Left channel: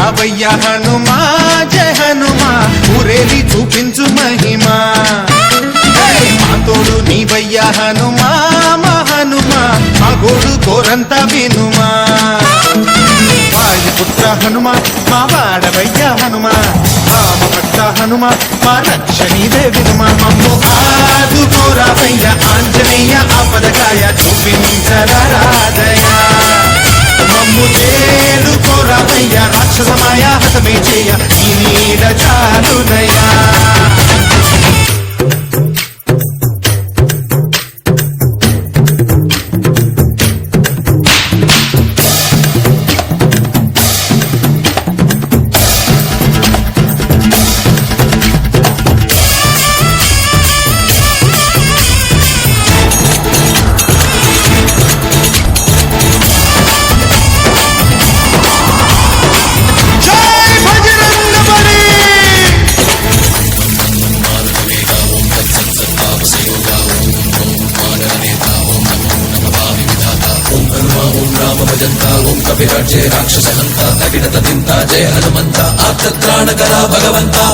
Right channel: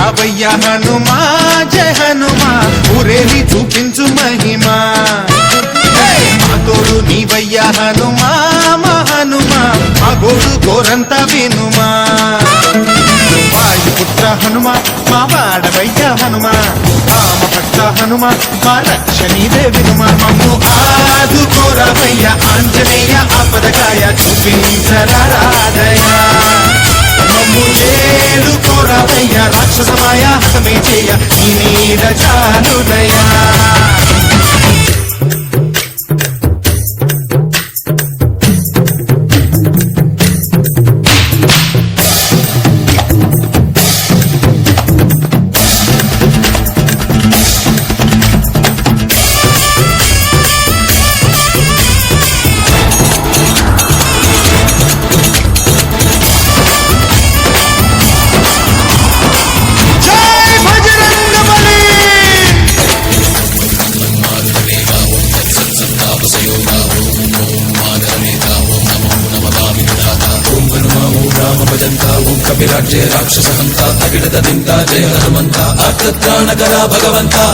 రావయ్య హనుమా జయ హనుమా ఊరేలి చూపించు మహిమా మా తోడు నీవయ్య హనుమా మా హనుమా మా గోడు గోరంత వినుమా వాయుపుత్ర హనుమా మా వాడవయ్య హనుమా రామ భక్త హనుమా మా రక్షణీదే వినుమా మమ్ము ఆదుకోరావయ్య ఆంజనేయ ఆపదకాయ చూపించరాదయ మమ్ము చేడుకోరావయ్య రాక్షసమాయ హతమే చేయ ఈ నీడ చాలునయా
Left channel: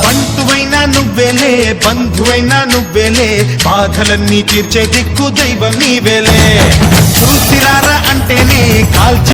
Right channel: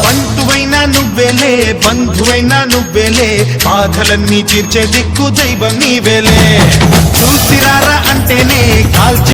బంటువైనా నువ్వేలే బంధువైనా నువ్వేలే బాధలన్నీ తీర్చే దిక్కు దైవం నీవేలే చూసిరారా అంటేనే కాల్చి